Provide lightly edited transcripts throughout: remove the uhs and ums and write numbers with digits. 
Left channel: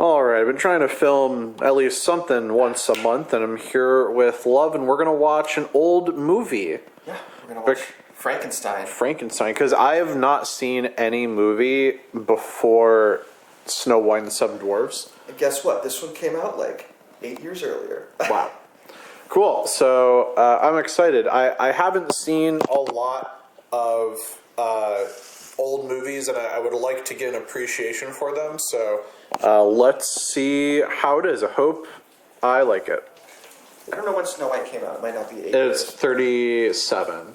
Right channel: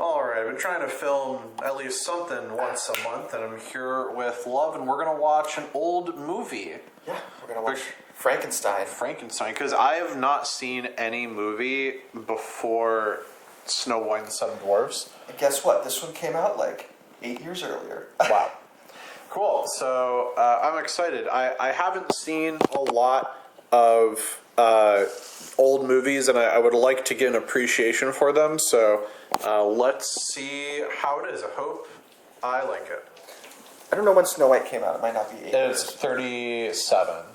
All right, I've been trying to film at least something once a month, and I'm here with Love, and we're going to watch an old movie. Yeah, we're going to watch Frankenstein. Frankenstein, because I have not seen any movie before Snow White and the Seven Dwarfs. And guess what? This one came out like 8 years earlier. Wow. Cool. So I'm excited. I haven't seen a lot of old movies, and I would like to get an appreciation for them. So let's see how it is. I hope I like it. I don't know when Snow White came out. It might not be 8 It's years. 37.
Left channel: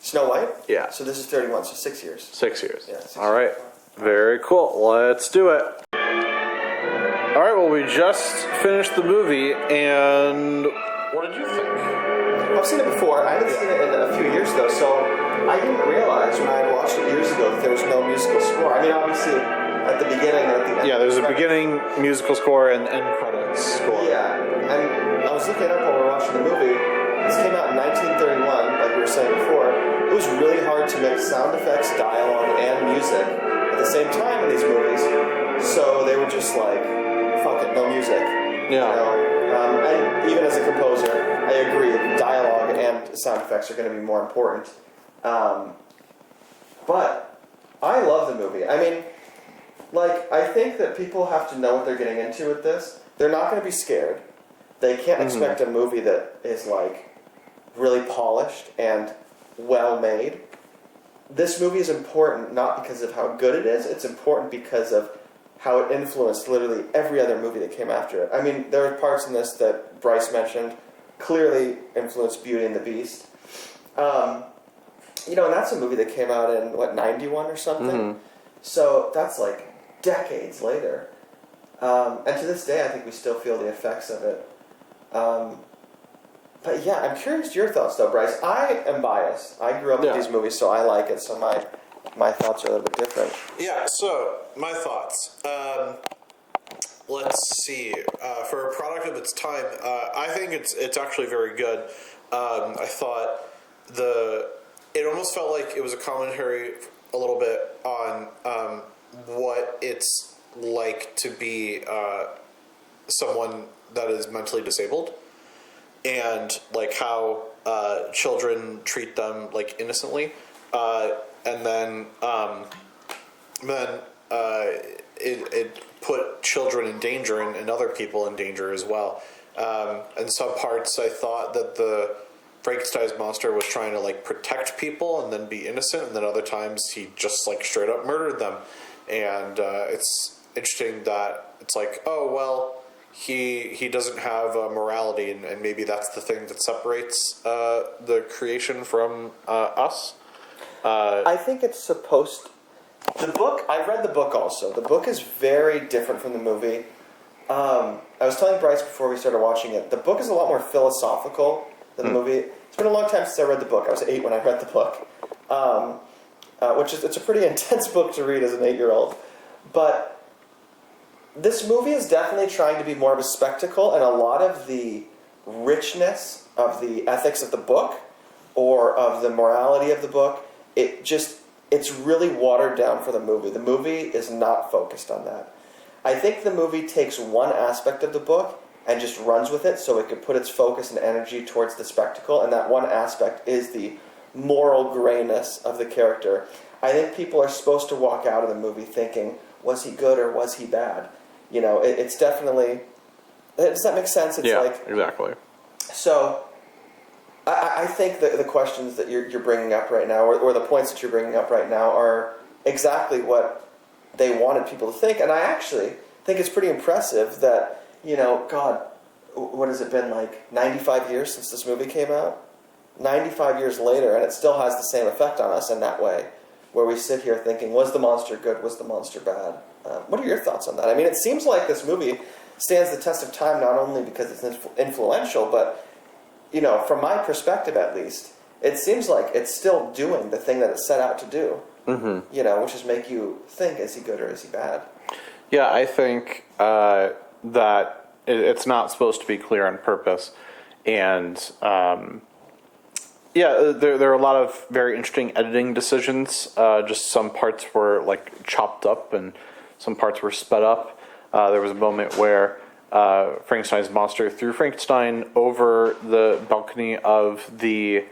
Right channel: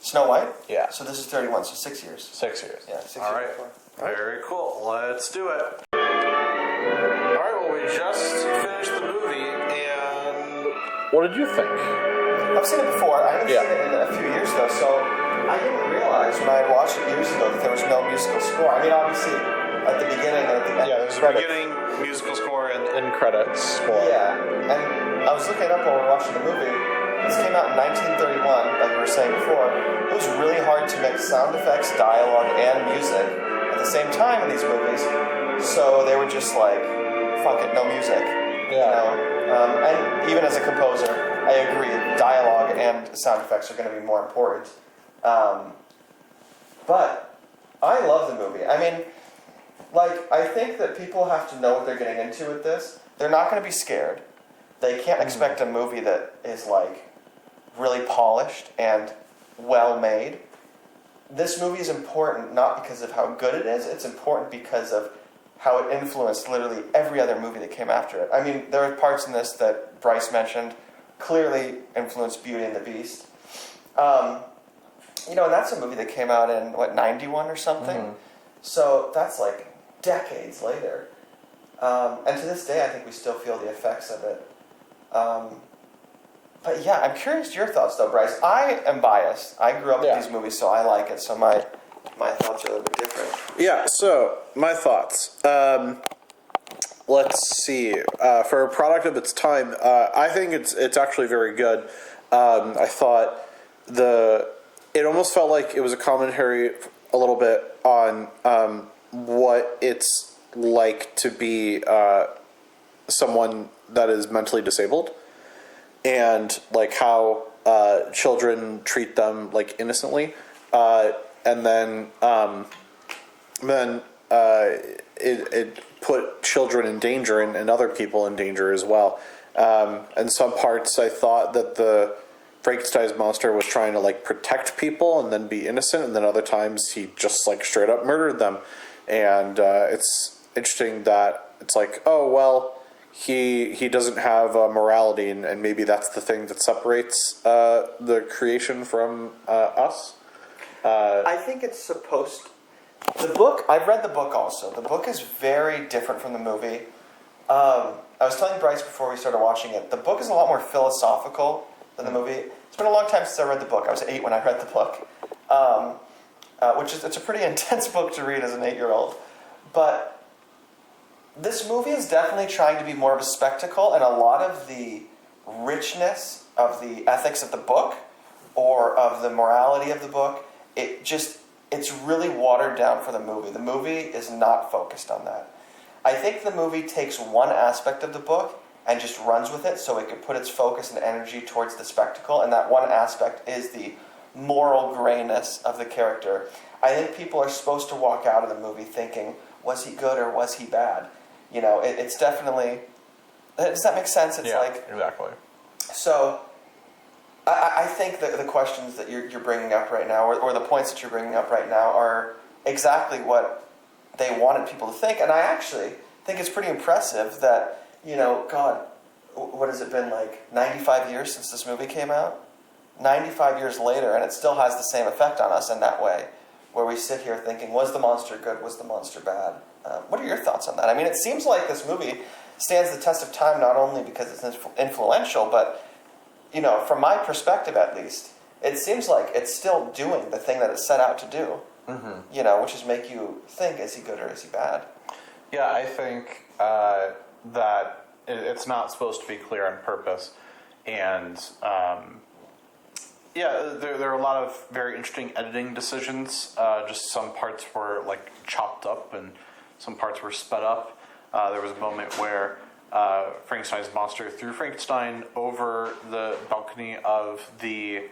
Snow White? Yeah. So this is 31, so 6 years. 6 years. Yeah, 6 All right. years. Very cool. Let's do it. All right. Well, we just finished the movie, and what did you think? I've seen it before. I haven't seen it in a few years, though, so I didn't realize when I had watched it years ago that there was no musical score. I mean, obviously, at the beginning and at the end. Yeah, there's a beginning musical score and end credits score. Yeah, and I was looking it up while we were watching the movie. This came out in 1931, like we were saying before. It was really hard to mix sound effects, dialogue, and music at the same time in these movies. So they were just like, fuck it, no music. Yeah. You know? And even as a composer, I agree, dialogue and sound effects are going to be more important. But I love the movie. I mean, like, I think that people have to know what they're getting into with this. They're not going to be scared. They can't expect a movie that is, like, really polished and well made. This movie is important not because of how good it is, it's important because of how it influenced literally every other movie that came after it. I mean, there are parts in this that Bryce mentioned clearly influenced Beauty and the Beast. You know, and that's a movie that came out in, 91 or something? So that's like decades later. And to this day, I think we still feel the effects of it. But yeah, I'm curious your thoughts, though, Bryce. I am biased. I grew up with these movies, so I like it. So my thoughts are a little bit different. Yeah. So my thoughts. Let's see. For a product of its time, I think it's actually very good. I thought it almost felt like it was a commentary a little bit on what it's like to be someone that is mentally disabled, and like how children treat them like innocently, and then it put children in danger and other people in danger as well. And some parts I thought that the Frankenstein's monster was trying to like protect people and then be innocent, and then other times he just like straight up murdered them. And it's interesting that it's like, oh well, he doesn't have morality, and maybe that's the thing that separates the creation from us. I think it's supposed. The book. I've read the book also. The book is very different from the movie. I was telling Bryce before we started watching it. The book is a lot more philosophical than the movie. It's been a long time since I read the book. I was 8 when I read the book, it's a pretty intense book to read as an 8-year-old. But this movie is definitely trying to be more of a spectacle, and a lot of the richness of the ethics of the book or of the morality of the book, it's really watered down for the movie. The movie is not focused on that. I think the movie takes one aspect of the book and just runs with it so it could put its focus and energy towards the spectacle, and that one aspect is the moral grayness of the character. I think people are supposed to walk out of the movie thinking, was he good or was he bad? You know, it's definitely... Does that make sense? It's like exactly. So, I think the questions that you're bringing up right now, or the points that you're bringing up right now, are exactly what they wanted people to think. And I actually think it's pretty impressive that, you know, God, what has it been, like 95 years since this movie came out? 95 years later, and it still has the same effect on us in that way, where we sit here thinking, was the monster good, was the monster bad? What are your thoughts on that? I mean, it seems like this movie stands the test of time not only because it's influential, but, you know, from my perspective at least, it seems like it's still doing the thing that it set out to do, you know, which is make you think, is he good or is he bad? Yeah, I think that it's not supposed to be clear on purpose. And, yeah, there are a lot of very interesting editing decisions. Just some parts were, like, chopped up and some parts were sped up. There was a moment where Frankenstein's monster threw Frankenstein over the balcony of the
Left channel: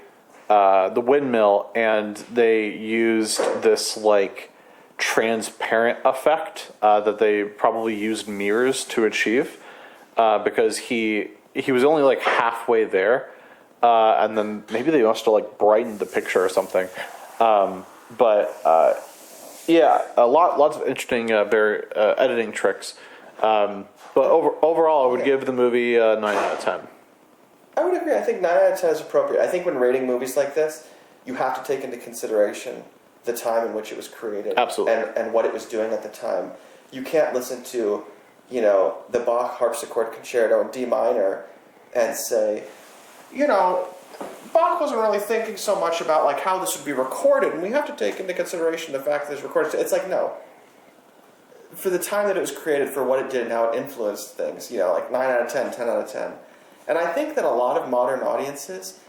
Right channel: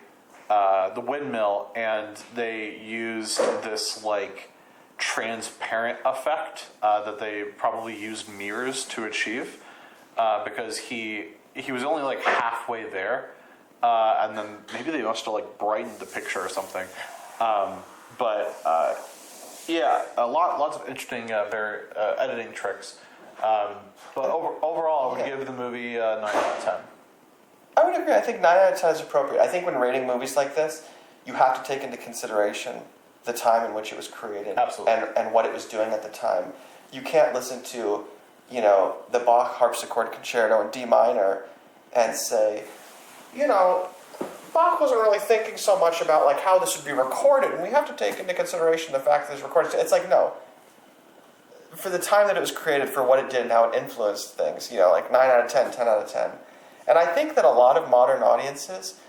windmill, and they used this like transparent effect that they probably used mirrors to achieve, because he was only like halfway there, and then maybe they must have like brightened the picture or something. Yeah, lots of interesting editing tricks. But overall, I would give the movie a 9 out of 10. I would agree. I think 9 out of 10 is appropriate. I think when rating movies like this, you have to take into consideration the time in which it was created. Absolutely. And what it was doing at the time. You can't listen to, the Bach harpsichord concerto in D minor and say, Bach wasn't really thinking so much about like how this would be recorded, and we have to take into consideration the fact that it's recorded. It's like, no. For the time that it was created, for what it did and how it influenced things, like 9 out of 10, 10 out of 10. And I think that a lot of modern audiences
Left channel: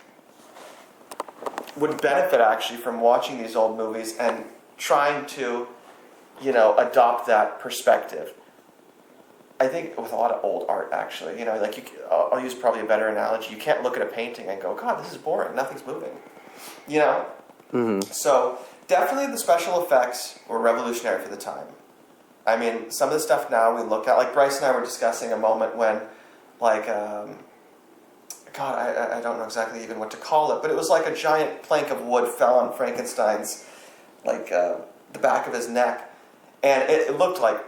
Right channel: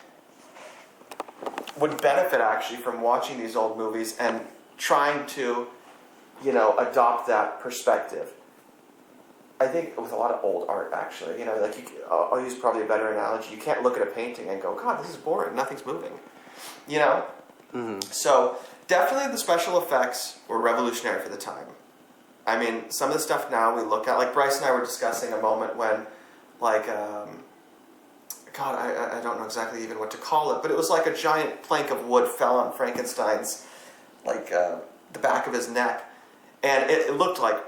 would benefit actually from watching these old movies and trying to, adopt that perspective. I think with a lot of old art, actually, I'll use probably a better analogy. You can't look at a painting and go, God, this is boring. Nothing's moving. Mm-hmm. So definitely the special effects were revolutionary for the time. I mean, some of the stuff now we look at, like Bryce and I were discussing a moment when, like, God, I don't know exactly even what to call it, but it was like a giant plank of wood fell on Frankenstein's, like, the back of his neck. And it looked like,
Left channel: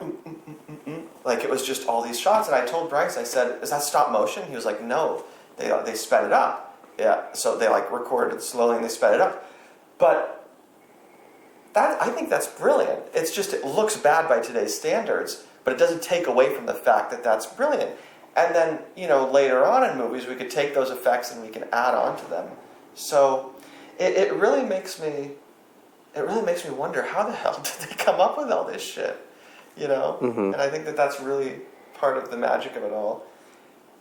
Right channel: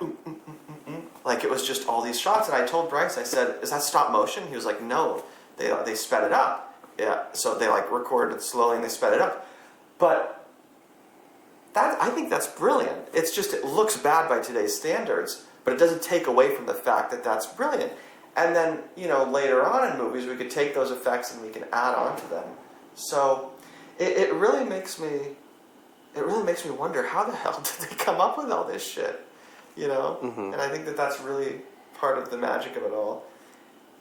like it was just all these shots. And I told Bryce, I said, is that stop motion? He was like, no, they sped it up. Yeah, so they like recorded it slowly and they sped it up. But I think that's brilliant. It's just, it looks bad by today's standards, but it doesn't take away from the fact that that's brilliant. And then, later on in movies, we could take those effects and we can add on to them. So it really makes me wonder, how the hell did they come up with all this shit? Mm-hmm. And I think that that's really part of the magic of it all.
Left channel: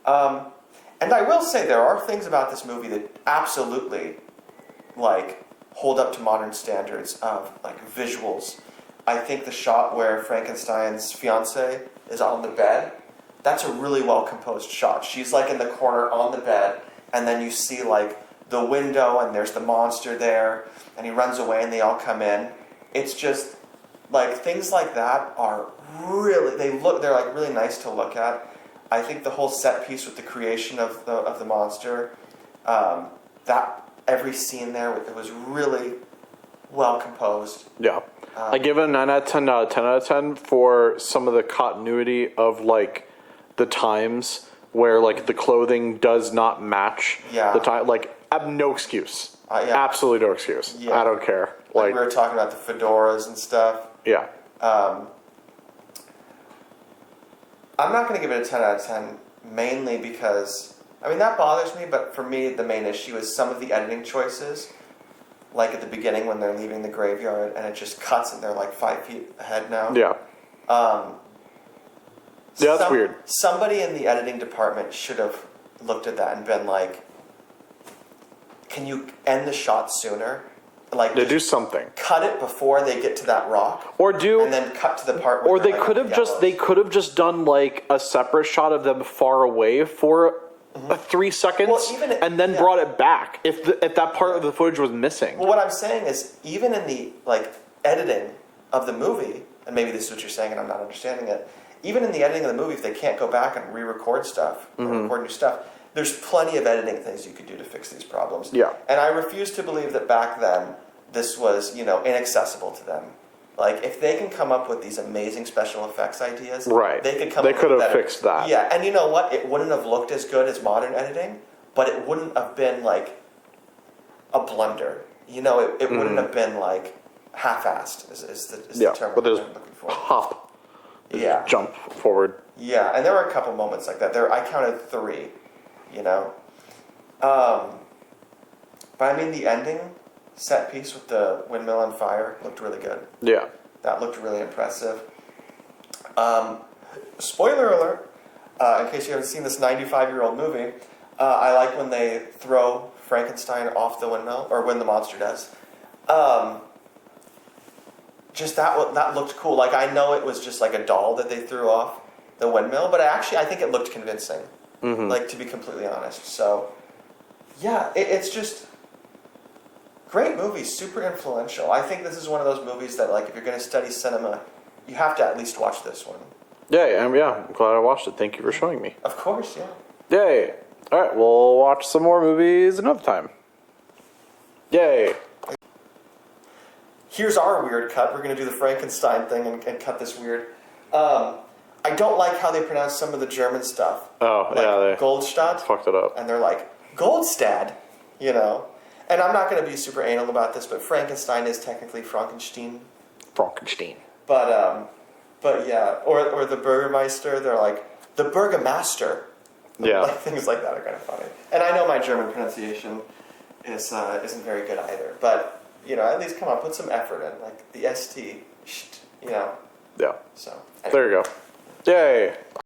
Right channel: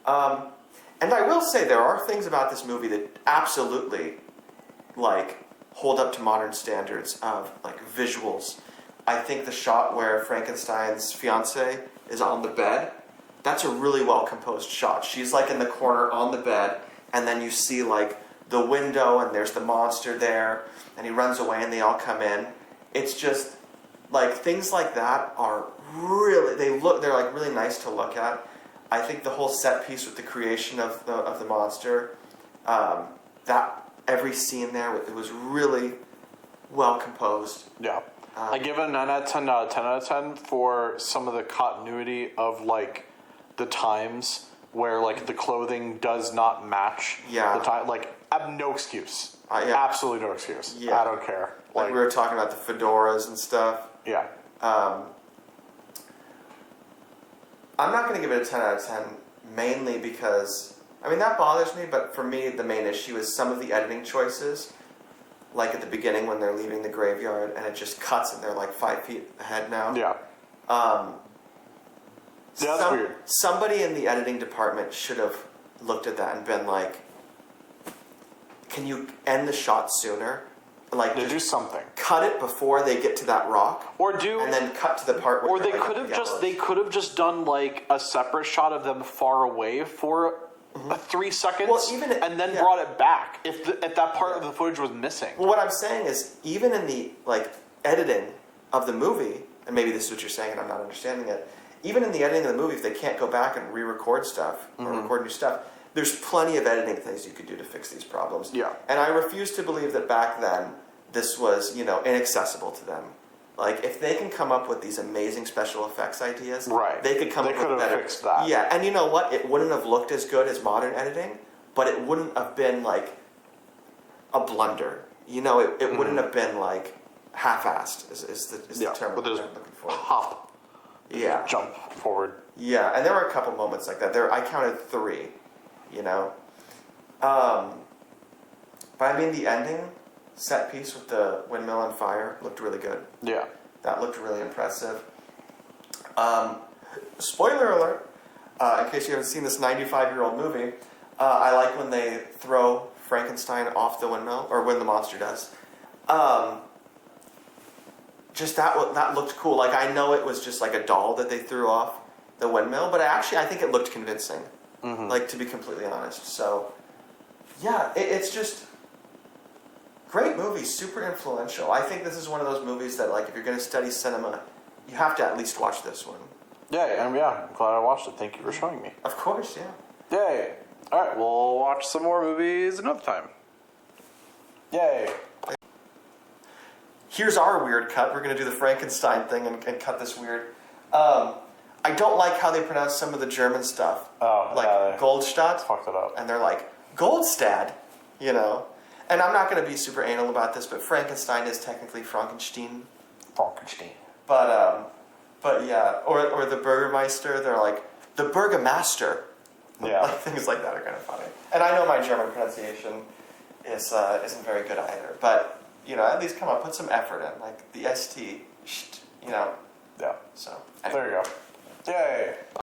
And I will say there are things about this movie that absolutely, like, hold up to modern standards of, like, visuals. I think the shot where Frankenstein's fiancée is on the bed, that's a really well-composed shot. She's, like, in the corner on the bed, and then you see, like, the window, and there's the monster there, and he runs away, and they all come in. It's just, like, things like that are really, they're, like, really nice to look at. I think the whole set piece with the creation of the monster, that every scene there, it was really well composed. Yeah. I give it a 9 out of 10 out of 10 out of 10 for some of the continuity of, like, the times where, like, the clothing does not match the time. Like, I have no excuse. Absolutely no excuse. Yeah. I don't care. Like we were talking about the fedoras and stuff. Yeah. I'm not going to give it a 10 out of 10, mainly because, that bothers me, but for me, the main issue is some of the editing choices, like at the beginning when they're leaving the graveyard, and it just cuts and they're like 5 feet ahead now. Yeah. That's weird. Somebody in the editing department should have looked at that and been like, can you end the shot sooner? Like, do something. Cut it before they get to that rock, and then cut to the part where. Or they could have just done like a separate shot of them far away for 3 seconds, and then brought it back if that part of the footage was missing. Well, what I'm saying is, even in the editing of the movie, and maybe this is what you're saying, and I'm not understanding it. Even in the editing of the movie, if they can't go back and re-record stuff or record new stuff, there's plenty of editing things you could do to fix these problems. Yeah. And I refuse to believe that back then this was, inaccessible to them. Like, if they can come up with these amazing special effects ideas, they could come up with better. They could have fixed that. Yeah, and you know what? It wouldn't have looked as good as modern editing, but it wouldn't have been like a blunder. It wouldn't have been like half-assed is the term I'm looking for. Hop. Yeah. Jump forward. Yeah, and there were a couple moments like that. I counted 3, But the ending set piece with the windmill on fire looked really good. Yeah. That looked really impressive. Spoiler alert, in case you haven't seen this 95-year-old movie, I like when they throw Frankenstein off the windmill, or when the monster does. Just that looked cool. Like, I know it was just like a doll that they threw off, the windmill, but I think it looked convincing. Like, to be completely honest. So, yeah, it's just great movie, super influential. I think this is one of those movies that, like, if you're going to study cinema, you have to at least watch this one. Yeah, I'm glad I watched it. Thank you for showing me. Of course, yeah. Yay. All right, we'll watch some more movies another time. Yay. Here's our weird cut. We're going to do the Frankenstein thing and cut this weird. I don't like how they pronounce some of the German stuff. Oh, like yeah. They Goldstadt. fucked it up. And they're like, Goldstad, you know? And I'm not going to be super anal about this, but Frankenstein is technically Frankenstein. Frankenstein. But yeah. Or the Burgermeister, they're like, the Burgermaster. Yeah. Like, things like that are kind of funny. And I know my German pronunciation isn't very good either. But, you know, at least come on, put some effort in. Like the ST, you know? Yeah. So, There you go. Yay.